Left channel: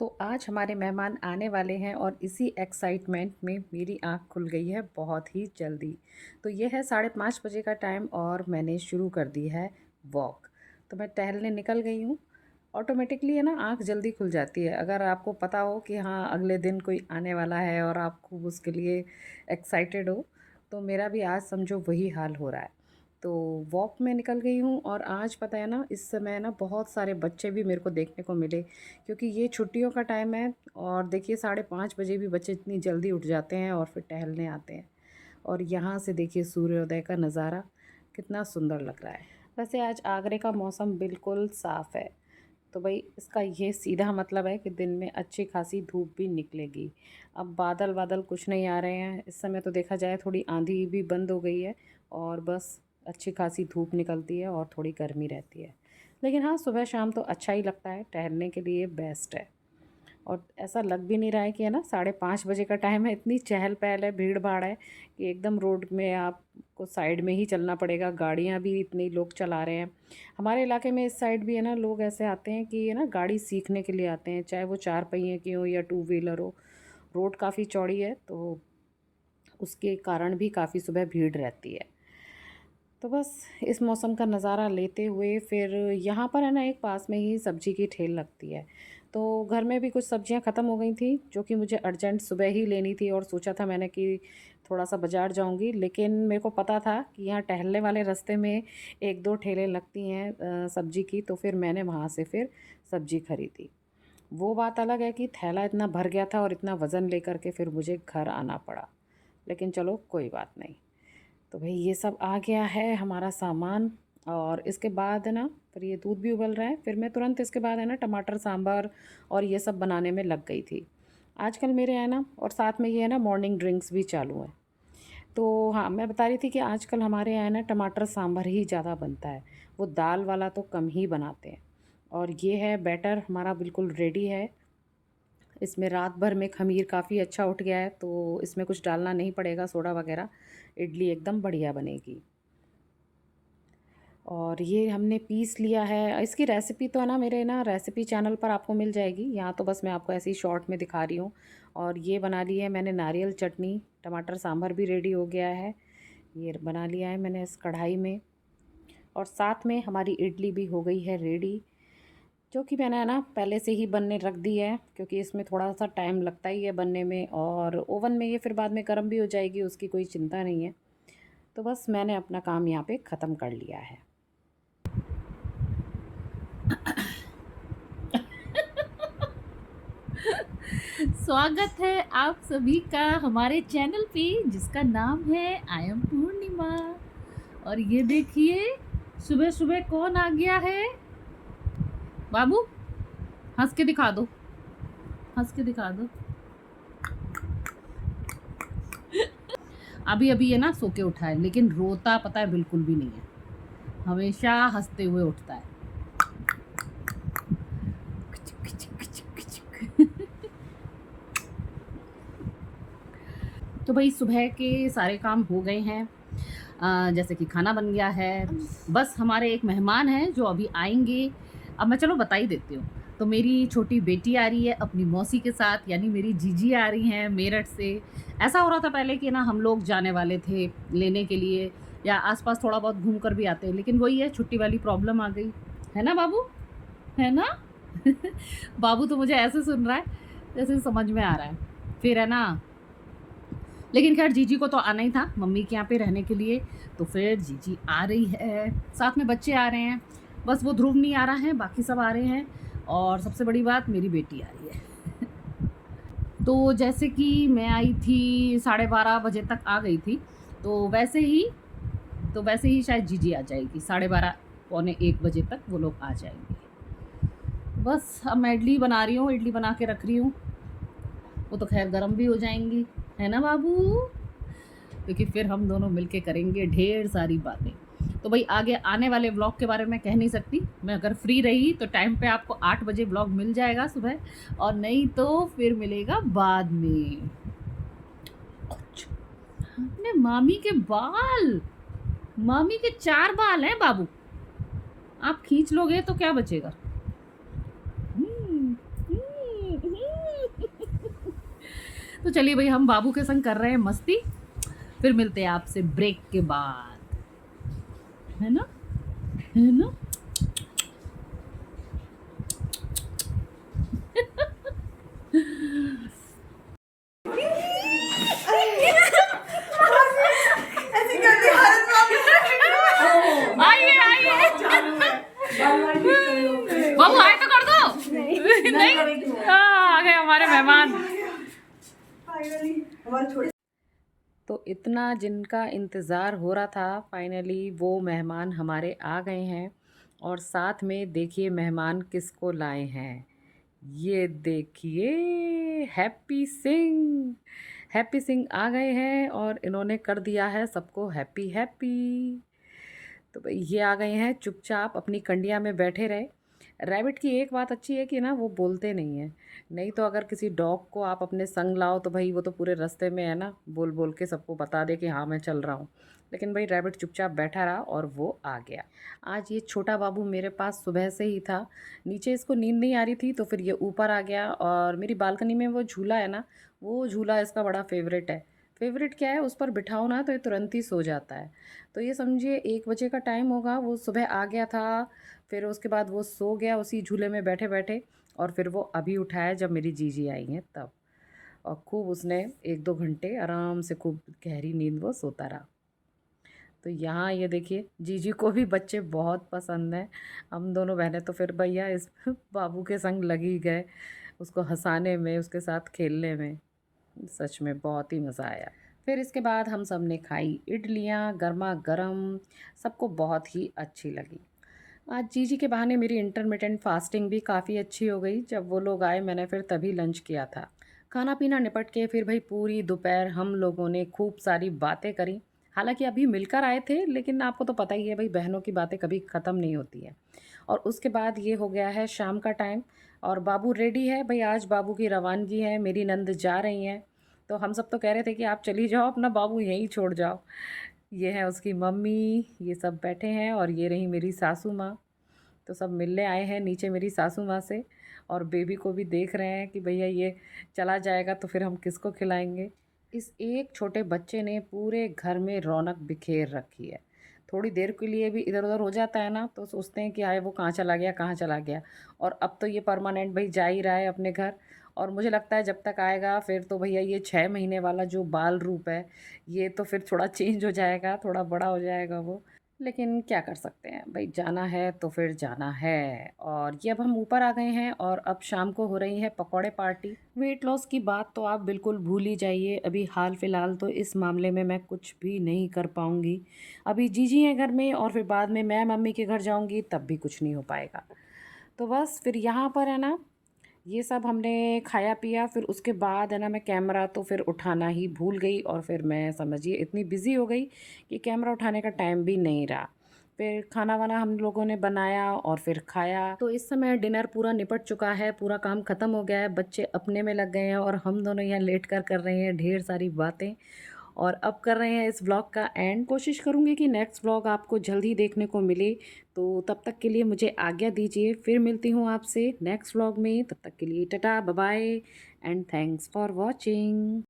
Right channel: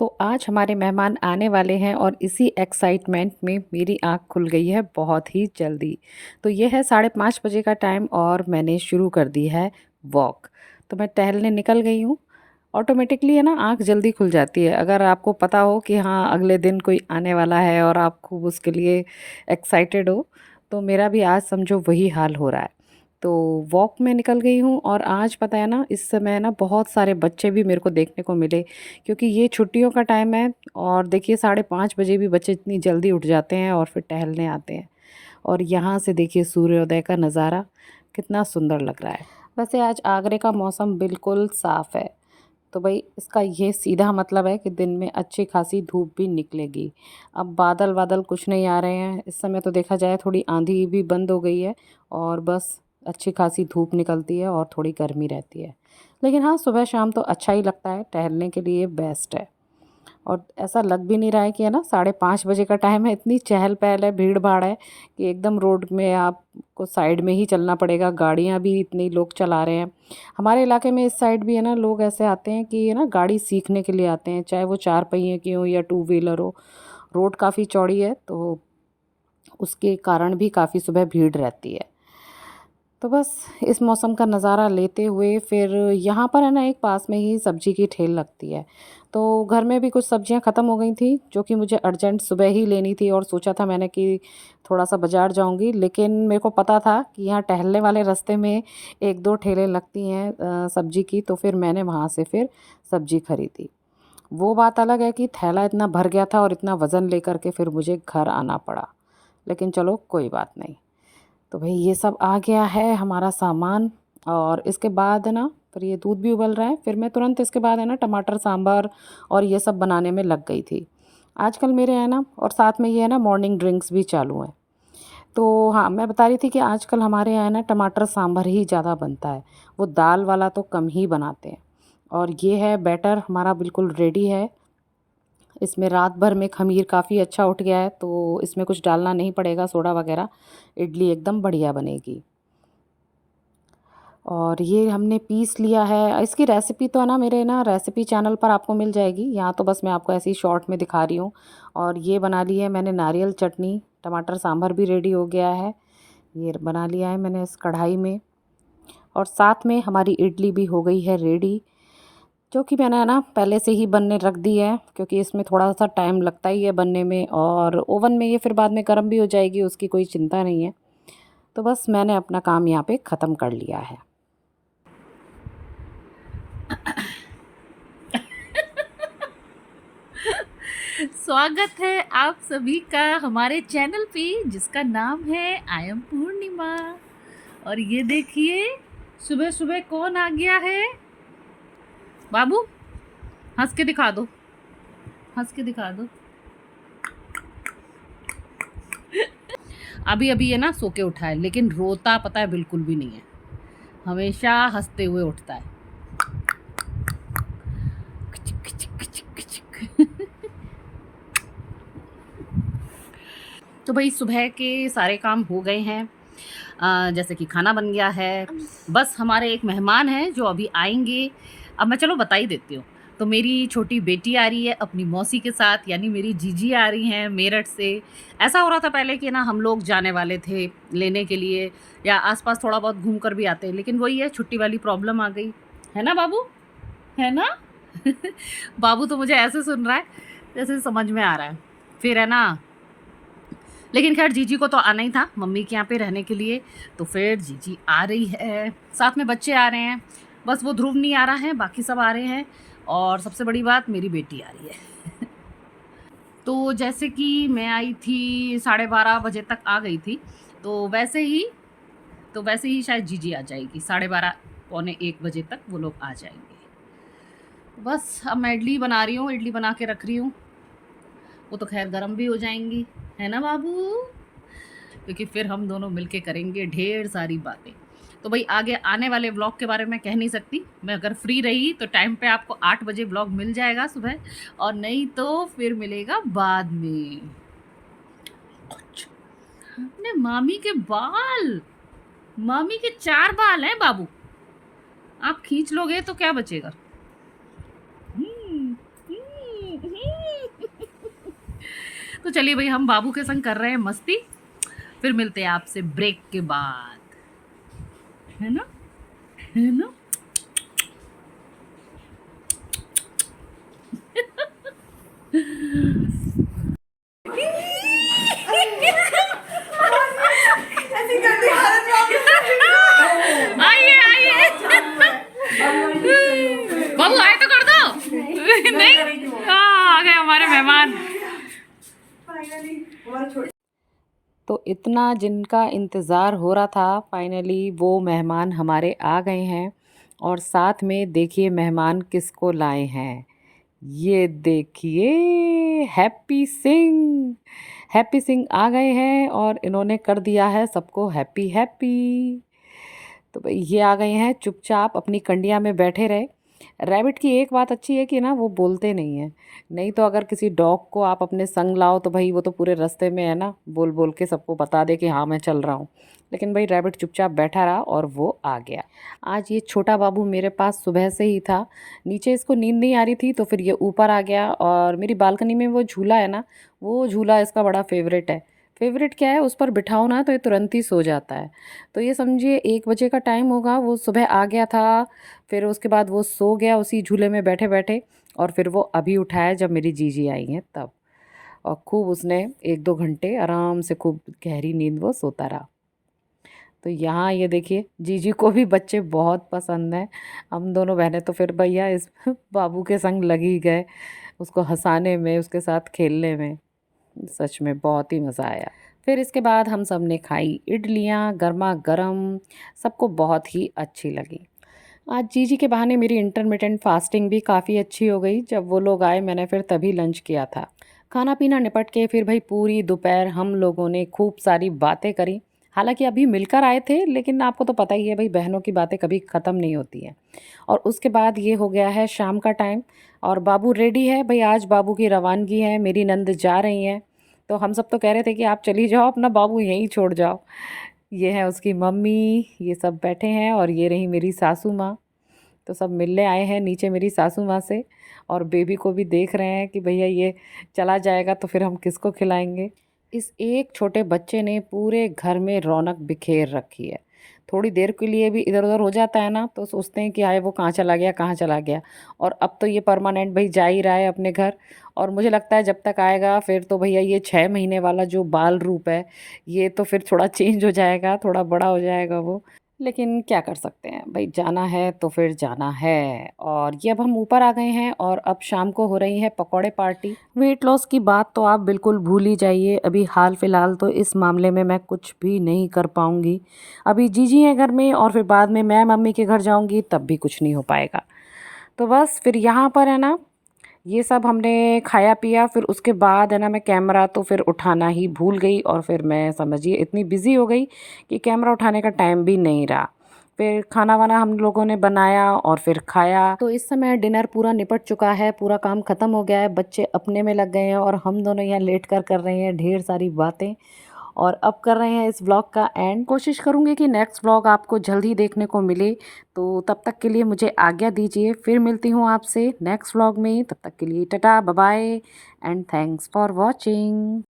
तो आज हमारे मेहमान आने वाले हैं और इसी एक्साइटमेंट में मेरी आँख खुल गई है बहुत ही जल्दी। तो ये है 5:30 बजे का टाइम और मैंने शुरू कर दी है वॉक। तो मैं टहलने निकल गई हूँ। ऑटोमेटिकली है ना आँख जल्दी खुल जाती है। अगर आपको पता हो कि हाँ अगले दिन कोई आने वाला है और आप खूब उसके लिए एक्साइटेड हो, तो मेरा भी आज समझो वही हाल हो रहा है। तो वॉक में निकल गई हूँ और आज पता है ना इस समय ना बहुत सारे बच्चे भी मेरे को देखने को मिले, क्योंकि ये छुट्टियों का टाइम है। और देखिए 5:30 बजे भी बच्चे इतनी जल्दी उठ जाते हैं और फिर टहलने आते हैं। और यहाँ से देखिए सूर्योदय का नज़ारा कितना सुंदर लग रहा है। वैसे आज आगरे का मौसम बिल्कुल साफ़ है, तो भाई इसका ये सीधा मतलब है कि दिन में अच्छी खासी धूप भी निकलेगी। अब बादल वादल कुछ नहीं आ रहे हैं इस समय, तो देखा जाए थोड़ी आंधी भी बंद हो गई है और बस अच्छी खासी धूप निकलती है और थोड़ी गर्मी रहती है। लेकिन हाँ, सुबह शाम तो अच्छा ही लगता है, टहलने के लिए बेस्ट है। और ऐसा लग भी नहीं रहा है कि है ना 5:30 बजे का टाइम है, इतनी चहल पहल है, भीड़ भाड़ है कि एकदम रोड में आपको साइड में ही चलना पड़ेगा। गाड़ियाँ भी इतनी लोग चला रहे हैं। हमारे इलाके में इस साइड भी है ना लोग ऐसे आते हैं कि है ना गाड़ी सीखने के लिए आते हैं, चाहे वो 4 पहिए की हो या टू व्हीलर हो। रोड काफ़ी चौड़ी है तो उसके कारण भी काफ़ी सुबह भीड़ रहती है। तो बस इस मौसम का नज़ारा लेते हुए फिर यहाँ पर है ना एक पास में ही सब्ज़ी की ठेल लगती है। तो घर में भी कुछ सब्ज़ियाँ ख़त्म हो गई थी जो कि मुझे अर्जेंट सुबह ही लेनी थी, और सोचा था मैंने कि थोड़ा-सा बाज़ार जाऊँगी। लेकिन मेरे को पता था कि यहाँ टहलने वाले रास्ते में 1-2 ठेलें लगती हैं सब्ज़ी की, तो फिर मैंने वहाँ से फिर सब्ज़ी खरीदी। वो बात अलग है कि थैला इतना भर गया था और इतना वज़न लेकर के फिर मुझे घर आना पड़ा। लेकिन चलो कोई बात नहीं। तो भई ये सब आ गया है हमारा सामान, और इसके बाद है ना फिर ये दूध भी उबल रहा है। फिर मैं तुरंत इसके बाद है ना टमाटर सांभर और ये सब बनाने में लग गई थी। आजकल मेरे है ना, और साथ में ये है ना मॉर्निंग ड्रिंक्स भी चालू हैं। तो हाँ, मैं बता रही थी कि आजकल हमारे यहाँ है ना टमाटर सांभर ही ज़्यादा बनता है। वो दाल वाला तो कम ही बनाते हैं। और ये है बैटर हमारा बिल्कुल रेडी है। इसमें रात भर में ख़मीर काफ़ी अच्छा उठ गया है, तो इसमें कुछ डालना नहीं पड़ेगा सोडा वग़ैरह। इडली एकदम बढ़िया बनेगी। और ये हमने पीस लिया है। इसकी रेसिपी तो है ना मेरे ना रेसिपी चैनल पर आपको मिल जाएगी। यहाँ तो बस मैं आपको ऐसे ही शॉर्ट में दिखा रही हूँ। और ये बना ली है मैंने नारियल चटनी, टमाटर सांभर भी रेडी हो गया है। ये बना लिया है मैंने इस कढ़ाई में। और साथ में हमारी इडली भी हो गई है रेडी, जो कि मैंने है ना पहले से ही बनने रख दी है, क्योंकि इसमें थोड़ा-सा टाइम लगता ही है बनने में, और ओवन में ये फिर बाद में गर्म भी हो जाएगी, उसकी कोई चिंता नहीं है। तो बस मैंने अपना काम यहाँ पे ख़त्म कर लिया है। स्वागत है आप सभी का हमारे चैनल पे जिसका नाम है आई एम पूर्णिमा। और ये देखिए सुबह सुबह कौन आ गया है। बाबू हंस के दिखा दो, हंस के दिखा दो। अभी अभी है ना सो के उठा है, लेकिन रोता पता है बिल्कुल भी नहीं है, हमेशा हंसते हुए उठता है। तो भाई सुबह के सारे काम हो गए हैं। जैसे कि खाना बन गया है। बस हमारे एक मेहमान हैं जो अभी आएँगे। अब मैं चलो बता ही देती हूँ। तो मेरी छोटी बेटी आ रही है अपनी मौसी के साथ, यानी मेरी जीजी आ रही हैं मेरठ से। ऐसा हो रहा था पहले कि ना हम लोग जाने वाले थे लेने के लिए, या आस-पास थोड़ा बहुत घूम कर भी आते, लेकिन वही है छुट्टी वाली प्रॉब्लम आ गई। है ना बाबू? है ना? बाबू तो मुझे ऐसे सुन रहा है जैसे समझ में आ रहा है। फिर है ना, लेकिन ख़ैर जीजी को तो आना ही था मम्मी के यहाँ पे रहने के लिए, तो फिर जीजी आ रही है, साथ में बच्चे आ रहे हैं। बस वो ध्रुव नहीं आ रहा है, बाकी सब आ रहे हैं, और सबसे बड़ी बात मेरी बेटी आ रही है। तो जैसे कि मैं आई थी 12:30 बजे तक आ गई थी, तो वैसे ही शायद जीजी आ जाएगी 12:30 पौने 1 बजे तक वो लोग आ जाएँगे। बस अब मैं इडली बना रही हूँ, इडली बना के रख रही हूँ। वो तो ख़ैर गरम भी हो जाएँगी, है ना बाबू? क्योंकि फिर हम दोनों मिलके करेंगे ढेर सारी बातें। तो भाई आगे आने वाले व्लॉग के बारे में कह नहीं सकती। मैं अगर फ्री रही तो टाइम पे आपको 8 बजे व्लॉग मिल जाएगा सुबह, और नहीं तो फिर मिलेगा बाद में। अपने मामी के बाल, मामी के 4 बाल हैं बाबू, आप खींच लोगे तो क्या बचेगा। तो चलिए भाई, हम बाबू के संग कर रहे हैं मस्ती, फिर मिलते हैं आपसे ब्रेक के बाद, है ना, है ना। आइए आइए, बाबू आए तो कर दो। नहीं, आ गए हमारे मेहमान। तो इतना जिनका इंतज़ार हो रहा था, फाइनली वो मेहमान हमारे आ गए हैं। और साथ में देखिए मेहमान किसको लाए हैं। ये देखिए, हैप्पी सिंह। हैप्पी सिंह आ गए हैं और इन्होंने कर दिया है सबको हैप्पी हैप्पी। तो भाई ये आ गए हैं, चुपचाप अपनी कंडिया में बैठे रहे। रैबिट की एक बात अच्छी है कि ना वो बोलते नहीं हैं। नहीं तो अगर किसी डॉग को आप अपने संग लाओ तो भाई वो तो पूरे रास्ते में है ना, बोल बोल के सबको बता दे कि हाँ मैं चल रहा हूँ। लेकिन भाई रैबिट चुपचाप बैठा रहा और वो आ गया। आज ये छोटा बाबू मेरे पास सुबह से ही था। नीचे इसको नींद नहीं आ रही थी तो फिर ये ऊपर आ गया, और मेरी बालकनी में वो झूला है ना, वो झूला इसका बड़ा फेवरेट है। फेवरेट क्या है, उस पर बिठाओ ना तो ये तुरंत ही सो जाता है। तो ये समझिए 1 बजे का टाइम होगा, वो सुबह आ गया था। फिर उसके बाद वो सो गया उसी झूले में बैठे बैठे। और फिर वो अभी उठाया जब मेरी जीजी आई हैं तब। और खूब उसने 1-2 घंटे आराम से खूब गहरी नींद वो सोता रहा। तो यहाँ ये देखिए, जीजी को भी बच्चे बहुत पसंद हैं। हम दोनों बहनें तो फिर भैया इस बाबू के संग लग ही गए, उसको हंसाने में, उसके साथ खेलने में। सच में बहुत ही मज़ा आया। फिर इसके बाद हम सब ने खाई इडलियाँ गरमा गरम, सबको बहुत ही अच्छी लगी। आज जीजी के बहाने मेरी इंटरमिटेंट फास्टिंग भी काफ़ी अच्छी हो गई। जब वो लोग आए मैंने फिर तभी लंच किया था। खाना पीना निपट के फिर भाई पूरी दोपहर हम लोगों ने खूब सारी बातें करी। हालांकि अभी मिलकर आए थे, लेकिन आपको तो पता ही है भाई, बहनों की बातें कभी ख़त्म नहीं होती हैं। और उसके बाद ये हो गया है शाम का टाइम, और बाबू रेडी है भाई। आज बाबू की रवानगी है, मेरी नंद जा रही हैं। तो हम सब तो कह रहे थे कि आप चली जाओ, अपना बाबू यहीं छोड़ जाओ। ये है उसकी मम्मी, ये सब बैठे हैं, और ये रही मेरी सासू माँ। तो सब मिलने आए हैं नीचे मेरी सासू माँ से। और बेबी को भी देख रहे हैं कि भैया ये चला जाएगा तो फिर हम किसको खिलाएंगे। इस एक छोटे बच्चे ने पूरे घर में रौनक बिखेर रखी है। थोड़ी देर के लिए भी इधर उधर हो जाता है ना तो सोचते हैं कि हाय वो कहाँ चला गया, कहाँ चला गया। और अब तो ये परमानेंट भाई जा ही रहा है अपने घर। और मुझे लगता है जब तक आएगा फिर तो भैया ये 6 महीने वाला जो बाल रूप है, ये तो फिर थोड़ा चेंज हो जाएगा, थोड़ा बड़ा हो जाएगा वो। लेकिन क्या कर सकते हैं भाई, जाना है तो फिर जाना है। और ये अब हम ऊपर आ गए हैं और अब शाम को हो रही है पकौड़े पार्टी। वेट लॉस की बात तो आप बिल्कुल भूल ही जाइए। अभी हाल फिलहाल तो इस मामले में मैं कुछ भी नहीं कर पाऊँगी। अभी जीजी है घर में, और फिर बाद में मैं मम्मी के घर जाऊँगी तब भी कुछ नहीं हो पाएगा। तो बस फिर यहाँ पर है ना, ये सब हमने खाया पिया। फिर उसके बाद है ना, मैं कैमरा तो फिर उठाना ही भूल गई, और फिर मैं समझिए इतनी बिज़ी हो गई कि कैमरा उठाने का टाइम भी नहीं रहा। फिर खाना वाना हम लोगों ने बनाया और फिर खाया। तो इस समय डिनर पूरा निपट चुका है, पूरा काम ख़त्म हो गया है, बच्चे अपने में लग गए हैं और हम दोनों यहाँ लेट कर रहे हैं ढेर सारी बातें। और अब कर रहे हैं इस व्लॉग का एंड। कोशिश करूँगी कि नेक्स्ट व्लॉग आपको जल्द ही देखने को मिले। तो तब तक के लिए मुझे आज्ञा दीजिए, फिर मिलती हूँ आपसे नेक्स्ट व्लॉग में। तब तक के लिए tata bye bye and thanks for watching.